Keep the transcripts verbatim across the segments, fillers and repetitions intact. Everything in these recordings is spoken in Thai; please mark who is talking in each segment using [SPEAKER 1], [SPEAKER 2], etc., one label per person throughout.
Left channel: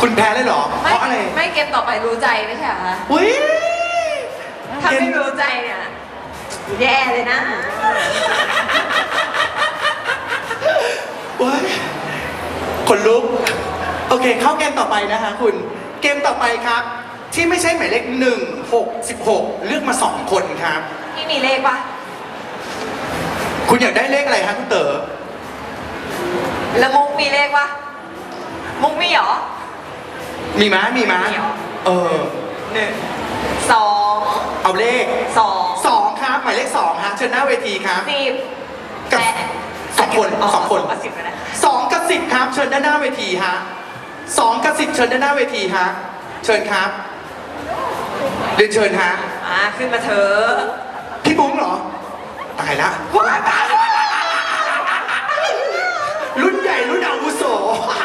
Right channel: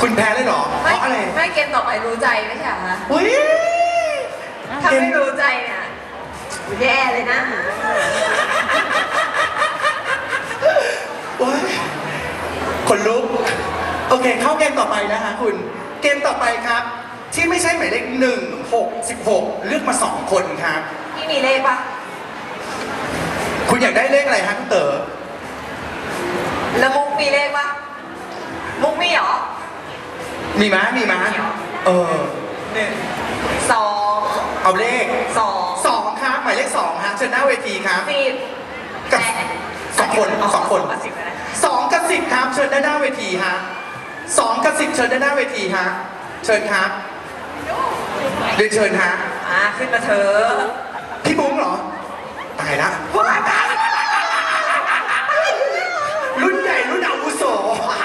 [SPEAKER 1] คุณแพ้เลยเหรอเพ
[SPEAKER 2] ไม่
[SPEAKER 1] ราะอะไร
[SPEAKER 2] ไม่เกมต่อไปรู้ใจไม่ใช่เหรอคะ
[SPEAKER 1] อุ้ย
[SPEAKER 2] ถ้าไม่รู้ใจเนี่ยแย่เลยนะ
[SPEAKER 1] ว้ายคนลุกโอเคเข้าเกมต่อไปนะคะคุณเกมต่อไปครับ ที่ไม่ใช่หมายเลขหนึ่งหกสิบหกเลือกมาสองคนครับ
[SPEAKER 2] ไม่มีเลขปะ
[SPEAKER 1] คุณอยากได้เลขอะไรฮะคุณเต๋อ
[SPEAKER 2] แล้วมุกมีเลขปะมุกมีเหรอ
[SPEAKER 1] มีม้ามีม้า
[SPEAKER 2] มีเหรอ
[SPEAKER 1] เออ
[SPEAKER 2] หนึ่งสอง
[SPEAKER 1] เอาเลข
[SPEAKER 2] สอง
[SPEAKER 1] สองครับหมายเลขสองฮะเชิญหน้าเวทีครับ
[SPEAKER 2] สิบ
[SPEAKER 1] กับ
[SPEAKER 2] แปด
[SPEAKER 1] สองคนสองคน
[SPEAKER 2] กับสิบก็ได้
[SPEAKER 1] สองกับสิบครับเชิญด้านหน้าเวทีฮะสองกับสิบเชิญด้านหน้าเวทีฮะเชิญครับเรียนเชิญฮะ
[SPEAKER 2] อ่าขึ้นมาเถอะ
[SPEAKER 1] พี่บุ้งเหรอตายละรุ่นใหญ่รุ่นอาวุโส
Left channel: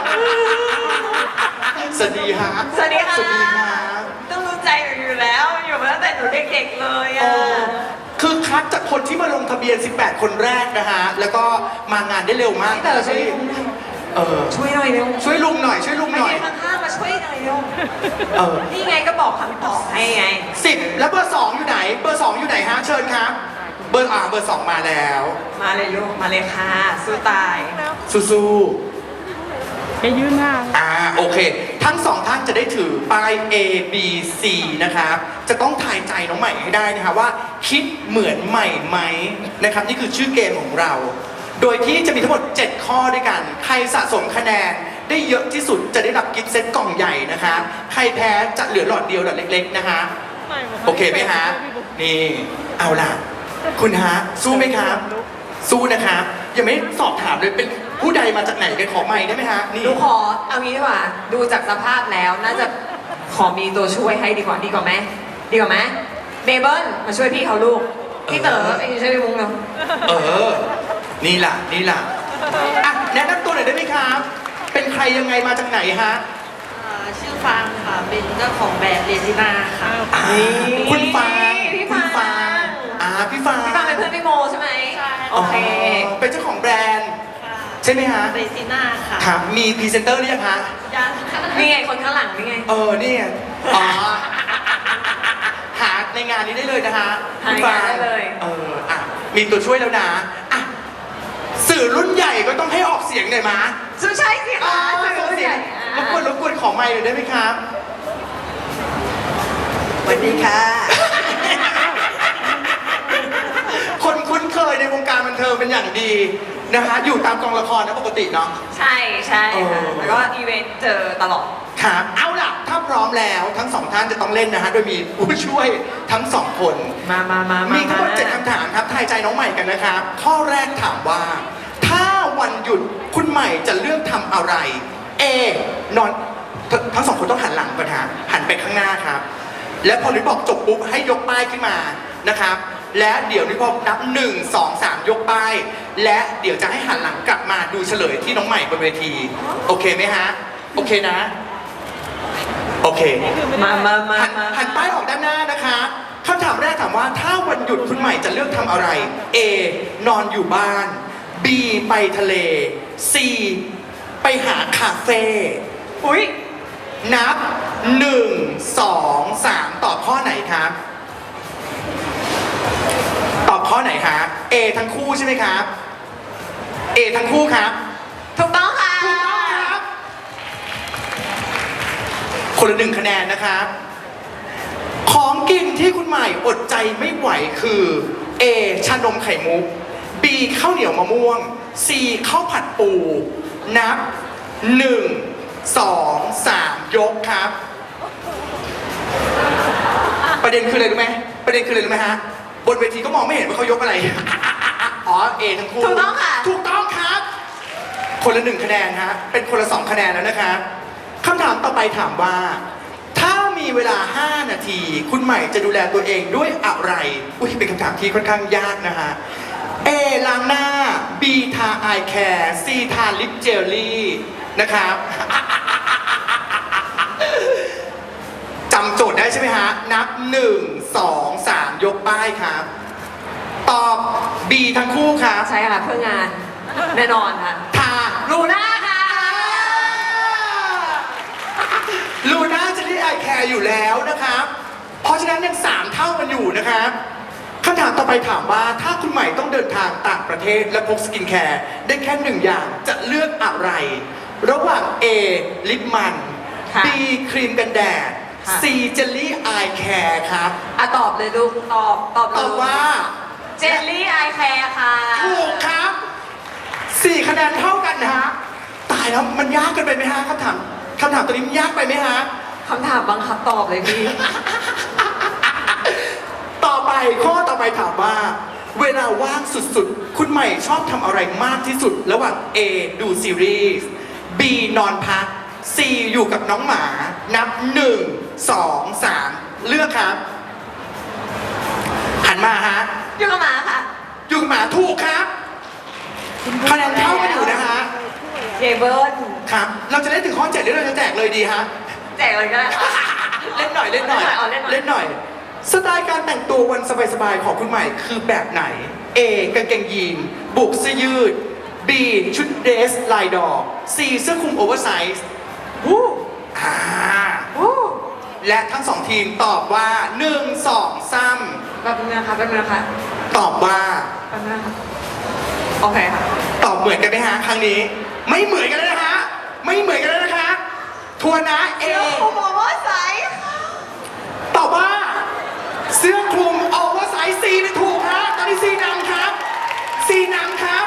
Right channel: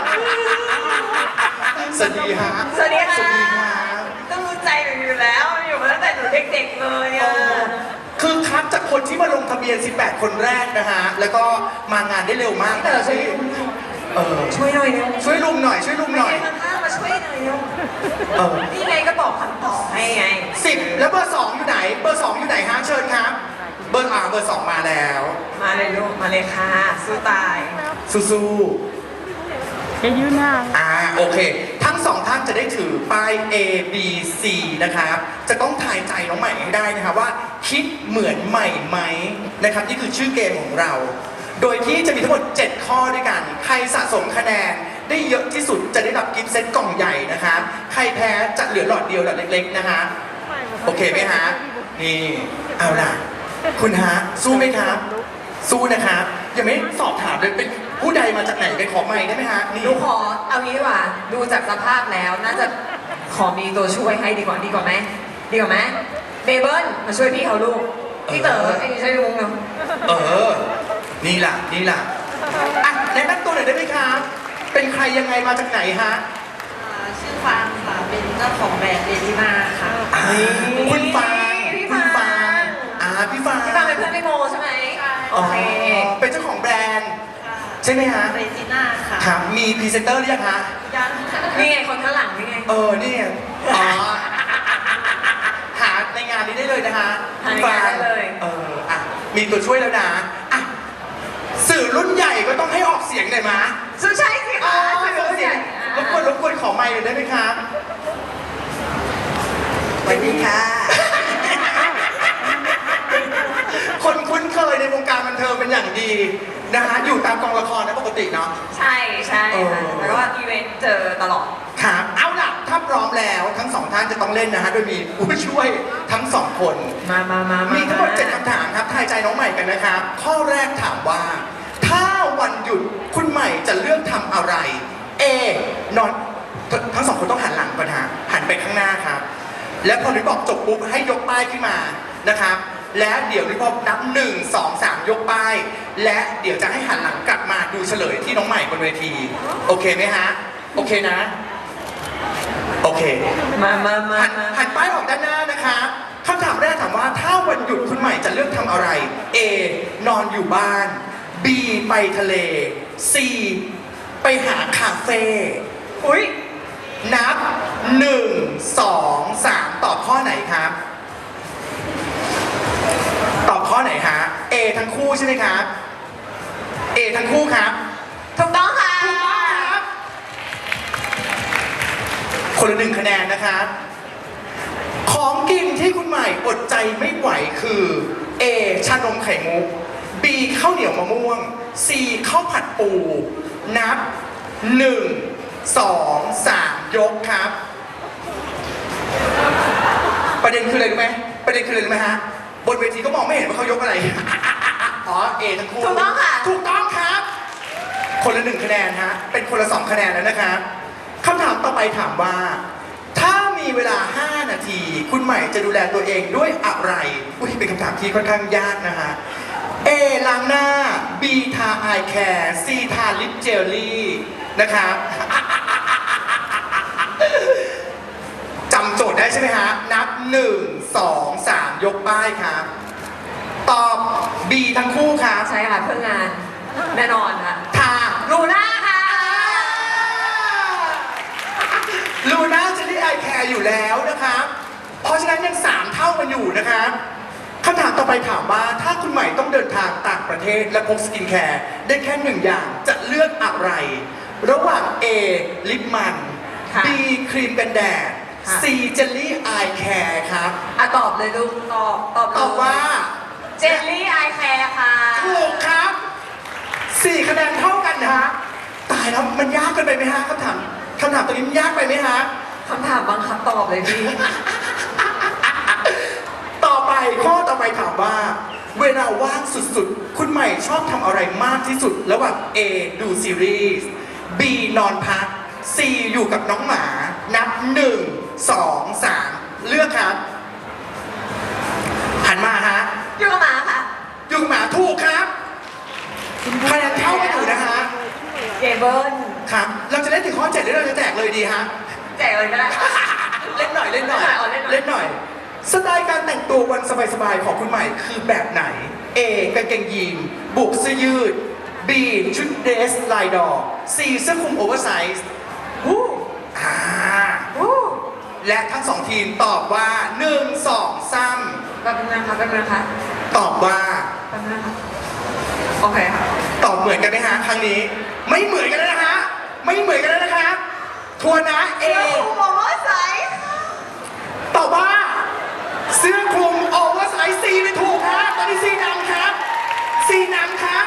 [SPEAKER 1] สวัสดีฮะ
[SPEAKER 2] สวัสดีค่ะ
[SPEAKER 1] สวัสดีครับ
[SPEAKER 2] ต้องรู้ใจหนูอยู่แล้วอยู่มาตั้งแต่หนูเด็กๆเลย
[SPEAKER 1] เอ
[SPEAKER 2] อ่ะ
[SPEAKER 1] อคือคัดจากคนที่มาลงทะเบียน สิบแปด คนแรกนะฮะ แล้วก็มางานได้เร็วมาก
[SPEAKER 2] พี่เต๋อช่วย
[SPEAKER 1] เออ
[SPEAKER 2] ช่วยหน่อยเร็ว
[SPEAKER 1] ช่วยลุงหน่อย ช่วยลุงหน่อย
[SPEAKER 2] ข้างๆมาช่วยหน่อยเร็ว
[SPEAKER 1] เออ
[SPEAKER 2] นี่ไงก็บอกคำตอบให้ไง
[SPEAKER 1] สิบแล้วเบอร์สองอยู่ไหน เบอร์สองอยู่ไหนฮะ เชิญครับ เบอร์อ่าเบอร์สองมาแล้ว
[SPEAKER 2] มาเลยลูกมาเลยค่ะสู้ตาย
[SPEAKER 1] สู้
[SPEAKER 3] จะยืนหน้า
[SPEAKER 1] ๆอ่า โอเค ทั้งสองท่านจะได้ถือป้าย A B C นะครับ จะต้องทายใจน้องใหม่ให้ได้นะครับว่า คิดเหมือนใหม่ไหมนะครับ นี่คือชื่อเกมของเรา โดยที่จะมีทั้งหมด เจ็ด ข้อด้วยกัน ใครสะสมคะแนนได้เยอะที่สุดจะได้รับกิฟต์เซตกล่องใหญ่นะครับ ใครแพ้จะเหลือหลอดเดียวหลอดเล็กๆนะฮะ โอเคไหมฮะ นี่ เอาล่ะ คุณฮะ สู้ไหมครับ สู้นะครับ ยังไม่สอบถามเลยเป็นผู้ใดมาจากไหนไปขอไมค์ได้ไหมฮะ นี่
[SPEAKER 2] หนูขอเอางี้ดีกว่า ดูจากสภาพแล้วน่าจะขอมีตัวช่วยให้ดีกว่าดีกว่าไหมดีกว่าไหมเบเบิลมาช่วยพี่เขาลูกพี่เต๋อไอ้นี่ช่วยพี่มุ้งเนาะ
[SPEAKER 1] เออ นี่ล่ะ นี่ล่ะอ่ะแนะนำตัวหน่อยได้ไหมครับ เป็นใครยังไงมาจากไหนฮะ
[SPEAKER 4] อ่าชื่อฟางค่ะ เป็นเจ้าของแบรนด์เดลิมาค่ะ
[SPEAKER 1] อ่าคุณฟาง
[SPEAKER 2] พี่
[SPEAKER 1] คุณ
[SPEAKER 2] ฟา
[SPEAKER 1] ฟาง งอ่าพี่ฟาง
[SPEAKER 2] พี่ฟางเป็นเพื่อนพี่โมใช่ไหม
[SPEAKER 4] ใช่
[SPEAKER 2] โอเค
[SPEAKER 1] เป็นเจ้าของแบรนด์
[SPEAKER 4] ค่ะ
[SPEAKER 1] ใช่ไหมฮะ
[SPEAKER 4] เรซิน่าค่ะ
[SPEAKER 1] ครับ มีพรีเซนเตอร์หรือยังฮะ
[SPEAKER 4] ยังค่ะ
[SPEAKER 2] นี่ไงคนข้างหลังนี่ไง
[SPEAKER 1] เออนี่ไงอ๋อ หาในงานนี้ได้เลยนะฮะ
[SPEAKER 2] หาในงานได้เลย
[SPEAKER 1] เออ อ่ะ มีตัวช่วยแล้วนะ อ่ะ สื่อรุ่นใหญ่ก็ต้องให้ออกเสียงหน่อยมา
[SPEAKER 2] สู้ใช่สิ
[SPEAKER 1] อ่า
[SPEAKER 2] คะ
[SPEAKER 1] ขอเสียงรบกวนรบกวนขอไมค์หน่อยได้ไหมครับ
[SPEAKER 2] สวัสดีค่ะ
[SPEAKER 1] คนคุ้นเคยในวงการบันเทิงเป็นอย่างดีนะฮะ อยู่ตามกองละครนะปกติเนาะ
[SPEAKER 2] ใช่ใช่
[SPEAKER 1] เออ
[SPEAKER 2] ค่ะแล้วก็อีเวนต์เจอตลอด
[SPEAKER 1] ครับ เอาล่ะ ถ้าพร้อมแล้วทั้งสองท่านจะต้องเล่นนะฮะ โดยมีผู้ช่วยทั้งสองคน
[SPEAKER 2] มามามามา
[SPEAKER 1] มีทั้งหมด
[SPEAKER 2] า
[SPEAKER 1] เจ็ดคำถามครับ ทายใจน้องใหม่กันนะครับ ข้อแรกถามว่า ถ้าวันหยุดคุณใหม่จะเลือกทำอะไร A นอนททั้งสองคนต้องหันหลังก่อนฮะ หันไปข้างหน้าครับ และพอนิดบอกจบปุ๊บให้ยกป้ายขึ้นมานะครับ และเดี๋ยวนิดพอนับหนึ่งสองสามยกป้าย และเดี๋ยวจะให้หันหลังกลับมาดูเฉลยที่น้องใหม่บนเวที โอเคไหมฮะ โอเคนะ โอเค
[SPEAKER 2] มามามา
[SPEAKER 1] หัน
[SPEAKER 2] มา
[SPEAKER 1] หันป้ายออกด้านหน้านะคะคำถามแรกถามว่าถ้าวันหยุดคุณใหม่จะเลือกทำอะไร A นอนอยู่บ้าน B ไปทะเล C ไปหาคาเฟ่
[SPEAKER 2] อุ้ย
[SPEAKER 1] นับหนึ่งสองสามตอบข้อไหนครับ ตอบข้อไหนฮะ A ทั้งคู่ใช่ไหมครับ A ทั้งคู่ครับ
[SPEAKER 2] ถูกต้องค่ะ
[SPEAKER 1] ถูกต้องครับ คนละหนึ่งคะแนนนะครับ ของกินที่คุณใหม่อดใจไม่ไหวคือ A ชานมไข่มุก B ข้าวเหนียวมะม่วง C ข้าวผัดปู นับหนึ่งสองสามยกครับ ประเด็นคืออะไรรู้ไหมประเด็นคืออะไรรู้ไหมฮะ บนเวทีก็มองไม่เห็นว่าเขายกอะไร อ๋อ A ทั้งคู่
[SPEAKER 2] ถูกต้องค่ะ
[SPEAKER 1] ถูกต้องครับ คนละหนึ่งคะแนนฮะ เป็นคนละสองคะแนนแล้วนะครับคำถามต่อไปถามว่า ถ้ามีเวลา ห้า นาที คุณใหม่จะดูแลตัวเองด้วยอะไร อุ้ยเป็นคำถามที่ค่อนข้างยากนะฮะ A ล้างหน้า B ทาอายแคร์ C ทาลิปเจลลี่นะครับ จำโจทย์ได้ใช่ไหมฮะ นับ หนึ่ง สอง สาม ยกป้ายครับ ตอบ B ทั้งคู่ครับ
[SPEAKER 2] ใช่ค่ะเพื่องานแน่นอนค่ะ
[SPEAKER 1] ทา
[SPEAKER 2] ลูน่าค่ะ
[SPEAKER 1] ร์อยู่แล้วนะครับ เพราะฉะนั้นยังสามเท่ากันอยู่นะครับคำถามต่อไปถามว่าถ้าคุณใหม่ต้องเดินทางต่างประเทศและพกสกินแคร์ได้แค่หนึ่งอย่างจะเลือกอะไร ระหว่าง A ลิปมัน
[SPEAKER 2] ค่ะ
[SPEAKER 1] B ครีมกันแดด
[SPEAKER 2] ค่ะ
[SPEAKER 1] C เจลลี่อายแคร์ครับ
[SPEAKER 2] อ่ะตอบเลยลูกตอบตอบเลย
[SPEAKER 1] ตอบว่า
[SPEAKER 2] เจลลี่ไอแคร์ค่ะ
[SPEAKER 1] ถูกครับสี่คะแนนเท่ากันนะฮะตายแล้วมันยากเกินไปไหมฮะคำถามคำถามตัวนี้มันยากไปไหมฮะ
[SPEAKER 2] คำถามบังคับตอบเลยพี่
[SPEAKER 1] ต่อไปข้อต่อไปถามว่า เวลาว่างสุดๆ คุณใหม่ชอบทำอะไรมากที่สุด ระหว่าง A ดูซีรีส์ B นอนพัก C อยู่กับน้องหมา นับหนึ่งสองสามเลือกครับ หันมาฮะ
[SPEAKER 2] อยู่กับหมาค่ะ
[SPEAKER 1] อยู่กับหมาถูกครับคะแนนเท่ากันอยู่นะฮะ
[SPEAKER 2] เจเบิล
[SPEAKER 1] ครับ เราจะเล่นถึงข้อเจ็ดหรือเราจะแจกเลยดีฮะ
[SPEAKER 2] แจกเลยก็ได้
[SPEAKER 1] เล่นหน่อยเล่นหน่อย
[SPEAKER 2] เอาเล่นหน่อย
[SPEAKER 1] เล่นหน่อย สไตล์การแต่งตัววันสบายๆของคุณใหม่คือแบบไหน A กางเกงยีนบุกเสื้อยืด B ชุดเดรสลายดอก C เสื้อคลุมโอเวอร์ไซส์วู้อ่า
[SPEAKER 2] อู้
[SPEAKER 1] และทั้งสองทีมตอบว่าหนึ่ง สอง สาม
[SPEAKER 2] แป๊บนึงนะคะแป๊บนึงนะคะ
[SPEAKER 1] ตอบว่า
[SPEAKER 2] แป๊บนึงนะคะโอเคค่ะ
[SPEAKER 1] ตอบเหมือนกันไหมฮะครั้งนี้ ไม่เหมือนกันแล้วนะฮะไม่เหมือนกันแล้วนะคะทวนนะ A
[SPEAKER 2] เสื้อคลุมโอเวอร์ไซส์
[SPEAKER 1] ตอบว่าเสื้อคลุมโอเวอร์ไซส์ซีเป็นถูกครับตอนนี้ซีนำครับซีนำครับ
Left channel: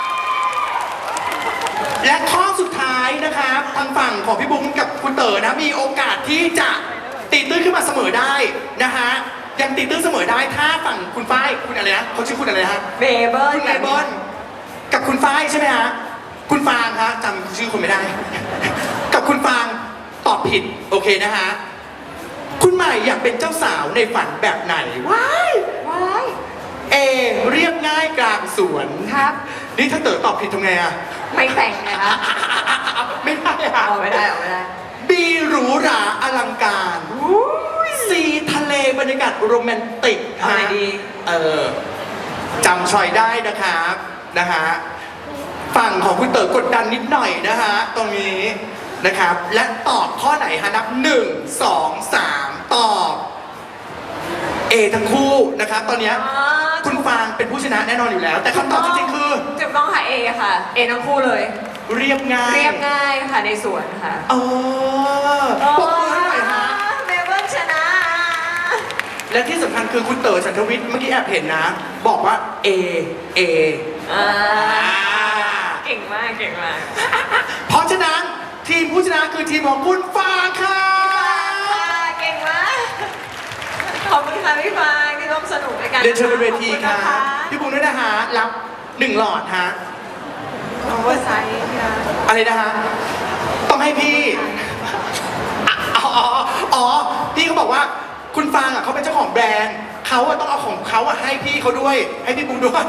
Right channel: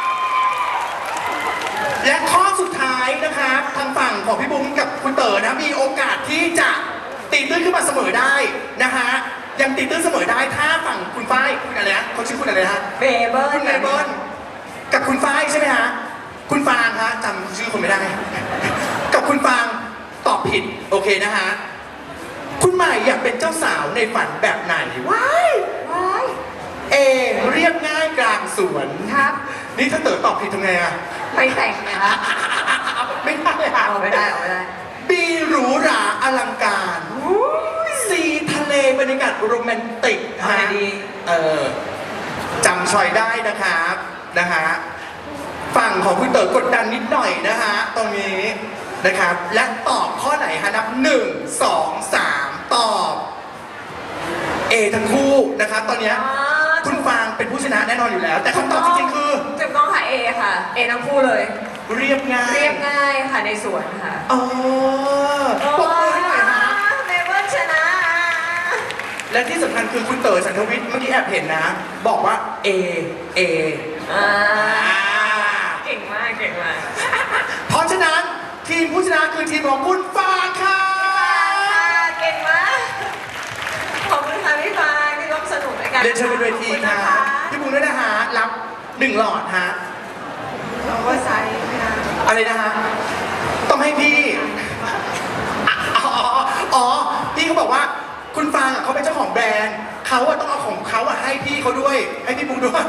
[SPEAKER 1] และข้อสุดท้ายนะครับทางฝั่งของพี่บุ้งกับคุณเต๋อนะมีโอกาสที่จะตีตื้นขึ้นมาเสมอได้นะฮะยังตีตื้นเสมอได้ถ้าฝั่งคุณฝ้ายคุณอะไรนะเขาชื่อคุณอะไรนะฮะ
[SPEAKER 2] เบเบิล
[SPEAKER 1] คุณไอเบิลกับคุณฝ้ายใช่ไหมฮะคุณฟางฮะจำชื่อคนไม่ได้ กับคุณฟางตอบผิดโอเคนะฮะคุณใหม่อยากเป็นเจ้าสาวในฝันแบบไหนว้าย
[SPEAKER 2] ว้าย
[SPEAKER 1] เอเรียบง่ายกลางสวน
[SPEAKER 2] ครับ
[SPEAKER 1] นี่ถ้าเต๋อตอบผิดทำไงอะ
[SPEAKER 2] ไม่แต่งนะคะ
[SPEAKER 1] ไม่ได้อะ
[SPEAKER 2] เอาไม่ได้เอาไม่ได้
[SPEAKER 1] บีหรูหราอลังการซีทะเลบรรยากาศโรแมนติก
[SPEAKER 2] เอาไหนดี
[SPEAKER 1] เออจำชอยได้นะครับนะฮะฝั่งของคุณเต๋อกดดันนิดหน่อยนะฮะตรงนี้นะครับ และตอบข้อไหนฮะนับหนึ่งสองสามตอบ A ทั้งคู่นะครับ ตอนเนี้ยคุณฟางเป็นผู้ชนะแน่นอนอยู่แล้ว แต่คำตอบจริงๆคือ
[SPEAKER 2] ถูกต้องค่ะ เอค่ะ เอทั้งคู่เลย
[SPEAKER 1] เรียบง่าย
[SPEAKER 2] เรียบง่ายค่ะในสวนค่ะ
[SPEAKER 1] เออปรบมือให้หน่อยฮะ
[SPEAKER 2] เบเบิลชนะ
[SPEAKER 1] และที่สำคัญคือคุณเต๋อฉันทวิทย์เมื่อกี้แอบเห็นนะ บอกว่า A A
[SPEAKER 2] อ่า
[SPEAKER 1] อ่า
[SPEAKER 2] เก่งมากเก่งมาก
[SPEAKER 1] เพราะฉะนั้นทีมผู้ชนะคือทีมของคุณฟางค่ะ
[SPEAKER 2] เก่งมากขอบคุณค่ะพี่ฟางที่ร่วมสนุกในการ
[SPEAKER 1] เรียนเชิญบนเวที
[SPEAKER 2] ขอบณ
[SPEAKER 1] ค่ะ
[SPEAKER 2] นะคะ
[SPEAKER 1] พี่บุ้งด้วยนะฮะรับหนึ่งหลอดฮะ
[SPEAKER 2] โอเวอร์ไซส์ค่ะ
[SPEAKER 1] อะไรนะฮะต้องให้พี่อ๋ออ๋ออ๋อพี่เขาบอกว่าคุณฟางอ่ะเขาเป็นเจ้าของแบรนด์เขาอะต้องเอาของเขาอะให้พี่เขาด้วย ให้พี่บุ้งด้วย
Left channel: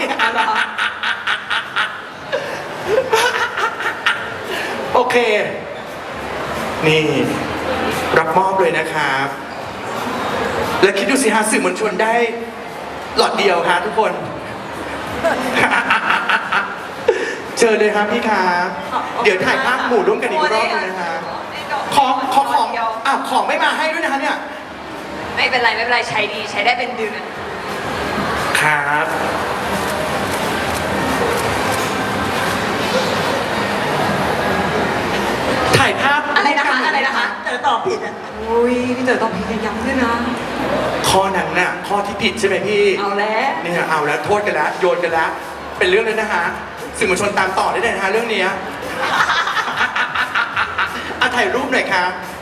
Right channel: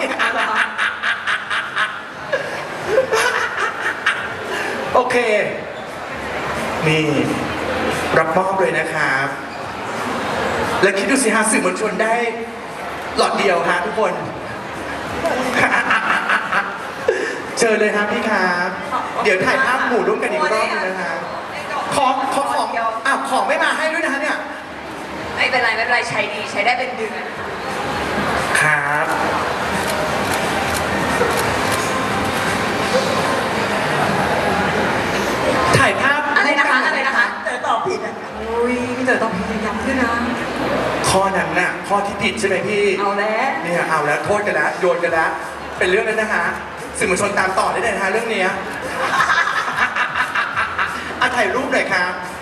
[SPEAKER 1] โอเค นี่ รับมอบเลยนะครับ แล้วคิดดูสิฮะสื่อมวลชนได้หลอดเดียวฮะทุกคน เชิญเลยครับพี่ครับเดี๋ยวถ่ายภาพหมู่ร่วมกันอีกรอบนึงนะฮะขอขอของอ่ะของไม่มาให้ด้วยนะฮะเนี่ย
[SPEAKER 2] ไม่เป็นไรไม่เป็นไรใช้ดีใช้ได้เป็นเดือน
[SPEAKER 1] ครับ ถ่ายภาพ
[SPEAKER 2] อะไรนะคะอะไรนะคะ
[SPEAKER 4] เต๋อตอบผิดอ่ะ
[SPEAKER 2] อุ้ยพี่เต๋อต้องพิจารณาด้วยนะ
[SPEAKER 1] ข้อนั้นน่ะ ข้อที่ผิดใช่ไหมพี่
[SPEAKER 2] เอาแล้ว
[SPEAKER 1] นี่ฮะเอาแล้วโทษกันแล้ว โยนกันแล้ว เป็นเรื่องแล้วนะฮะสื่อมวลชนตามต่อได้เลยนะฮะเรื่องนี้อ่ะถ่ายรูปหน่อยครับ